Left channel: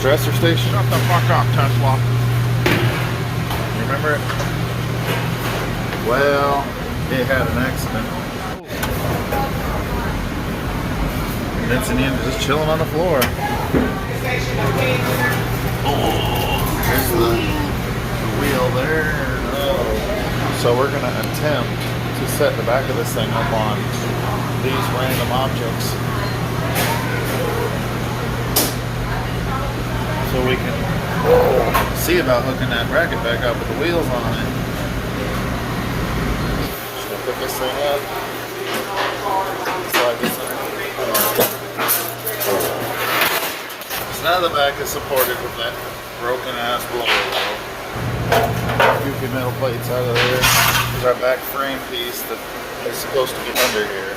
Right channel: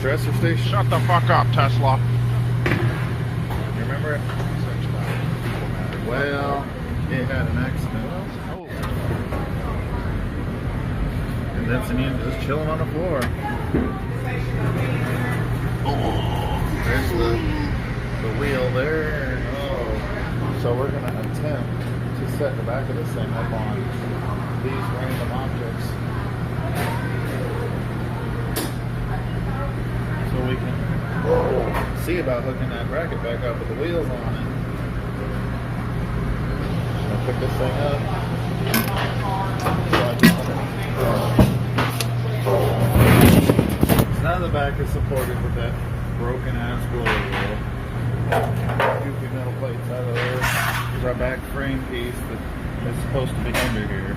stressor station? Shut the fuck up, Tesla. You remember it? Well, it had an accident. Convincing him to just chill him on the floor. There's the wheel there. Oh. So we're going to attempt to set the back of this thing up on these random objects. So we can see about hooking that bracket back up with the wheels on it. So pick this thing up. Slide this in. So now the back is supported with that broken ass blower wheel. Goofy metal plates out of there. There's our back frame piece that is supposed to be under here.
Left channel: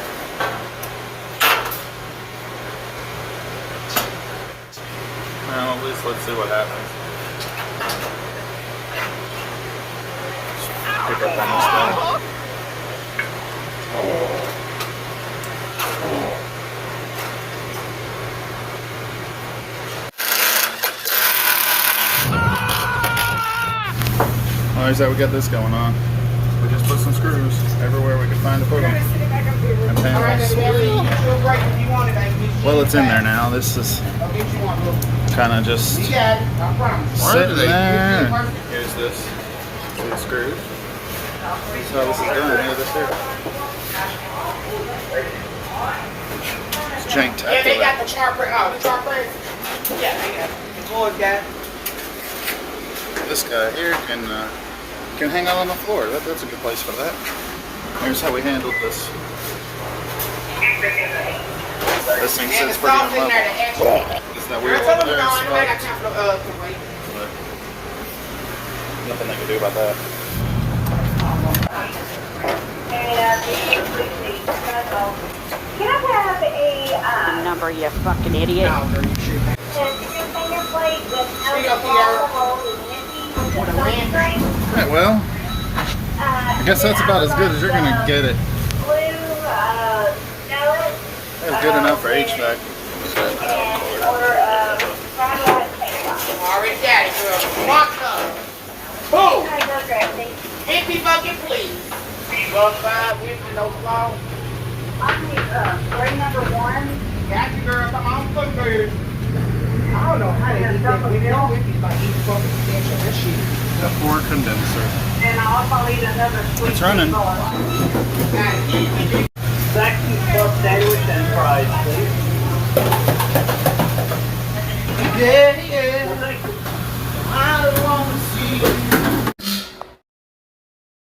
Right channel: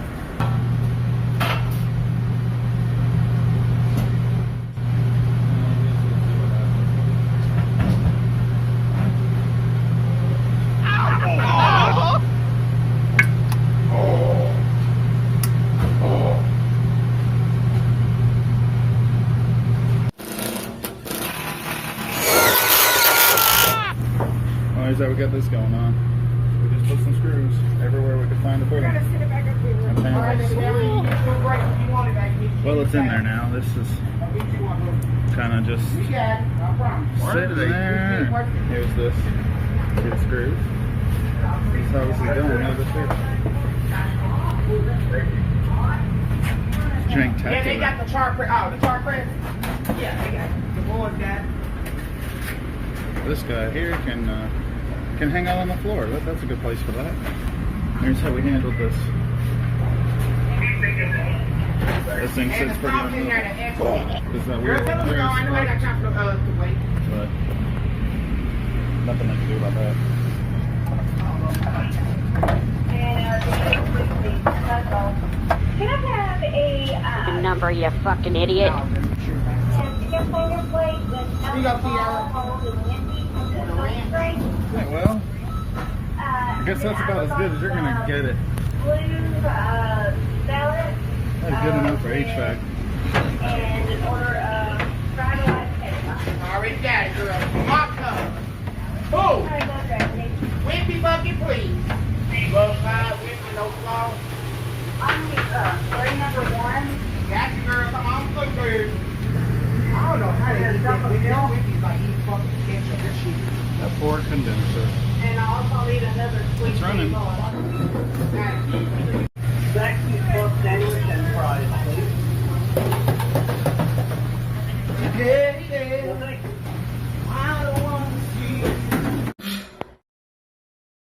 Now let's see what happens. Alright, so we got this going on. We just put some screws everywhere we could find to put them. And panels. Well, it's in there now. This is kind of just sitting there. Here's this. See the screws? This is how this is done. Look at this here. It's janktacular. Yeah, they got the chart press. Oh, the chart press? Yeah, they got it. The boys got it. This guy here can hang out on the floor. That's a good place for that. Here's how we handled this. This thing sits pretty on level. Isn't that weird? There, but nothing they can do about that. Can I have a number, you fucking idiot? finger plate with alcohol and Right, well, I guess that's about as good as you're going to get it. blue salad That's good enough for HVAC. and order fried rice cake. Already got it, girl. Mark come. Boom! Empty bucket, please. Love 5, with no flaw. I need tray number 1. Got you, girl. Come on, put good. I don't know how they get that video. It's like each fucking stitch of this shit. The 4 condenser. And I also need another sweet It's running. tea bar.